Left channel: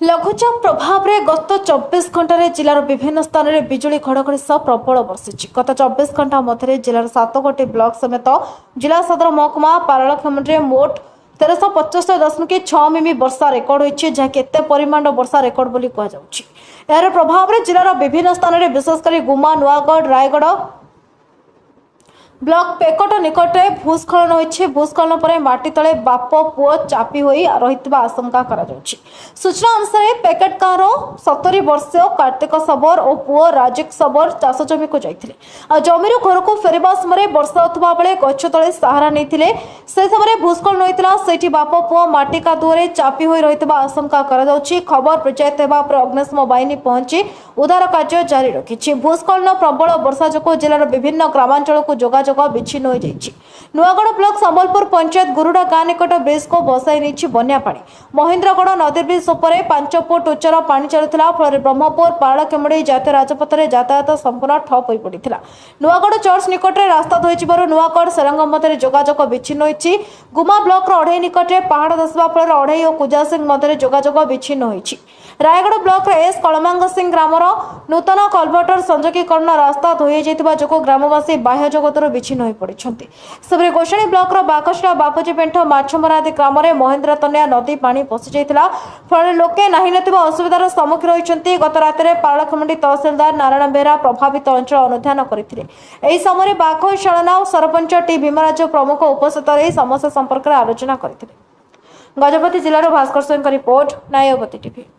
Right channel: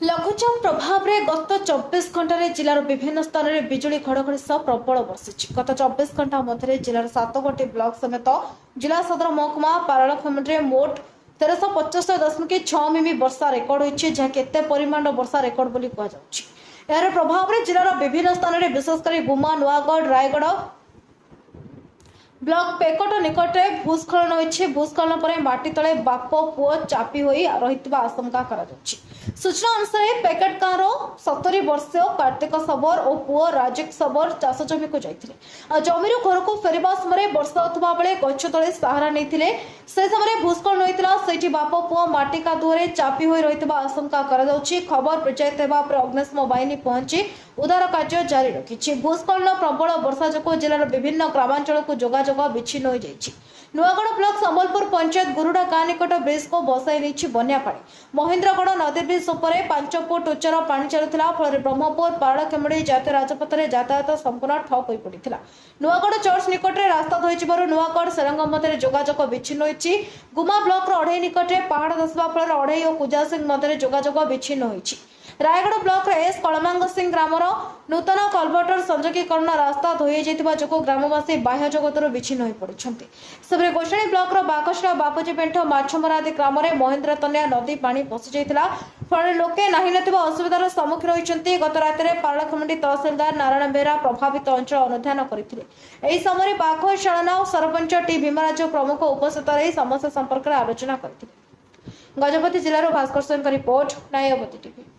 लघुचाप प्रभाव में गत 24 घंटे जिलार विभिन्न स्थान में बिजुली घड़घड़ी सह प्रबल बर्षिଛି। गत 24 घंटा मध्य जिलार 7 ब्लॉक समेत जिला सदर महकुमा पारलाखेमुंडी मोट 1375.6 मिमी वर्षा रेकर्ड होती जहाँकि केते परिमाण वर्षा रेकर्ड बोली कहुछि। यार प्रभाव में जिलार विभिन्न स्थान में विशेषकर गुमा नुआगढ़ रायगढ़ ब्लॉक पेकट निकट भूस्खलन होती। भूस्खलन पर माटी तले बाप पुओ चापी हो रही आशंका सूचना अनुसार पेकेट गाँव 70 वर्षीय कार्तिक सबर और पुओ राजिक सबर चाष जमी को जाते जमी घर को फेरवा समय वर्षा होता बेले गछ तले सहारा नहीं से समय भूस्खलन होता से बाप पुओ माटी कादुअरे चापी हो रही आशंका खबर पंचायत होगा अग्निशम बाहिनी पहुंची उद्धार कार्य जारी रखी। भूस्खलन प्रबल वर्षा जो जिलार विभिन्न ग्रामांचल को जोगाजोग विच्छिन्न हो जाइछि। नुआगढ़ ब्लॉक संबलपुर पंचायत गुरुडा गाँ निकट ब्रिज को बसाई नहीं बन्या पानी। महेन्द्रगढ़ नदी ब्रिज उपर 5 फुट उच्चर पानी चलुला फल ब्रह्मपुर पारलाखेमुंडी जातीय राजपथ में यातायात संपूर्ण ठप हो पड़ा। नुआगढ़ चर्च निकट में रास्ता धोई नुआगढ़ सेरंग मध्य जोगाजोग विच्छिन्न होइछि। गुमा ब्लॉक अढ़ई निकट में पहाड़ धसवा फल अढ़ई और कुजासिंह मध्य जोगाजोग विच्छिन्न होइछि। रायगढ़ ब्लॉक एस कलमांग सिंह ग्रामर नूतन कलभटर संযোगीकरण रास्ता धोई जो ग्रामवासी बाह्य जगत विच्छिन्न हो पड़ते। सेपरी गोषणी ब्लॉक बाकसला बापुजी पेंठ माछमरा आदि ग्राम में महेन्द्र तनिया नदी पानी पशि जाता फल लोके नहीं असुविधार सम्मुखीन होती। गत रात पारलाखेमुंडी तहसिलदार नारायण बेहरा प्रभावित अंचल अनुधान करते समय बाघ चालना सरपंच टी भीमराज प्रमुख उपस्थित रही समस्या संपर्क में आलोचना करते। गजपति जिलार भास्कर सिंह रिपोर्ट न्यायवती टीवी।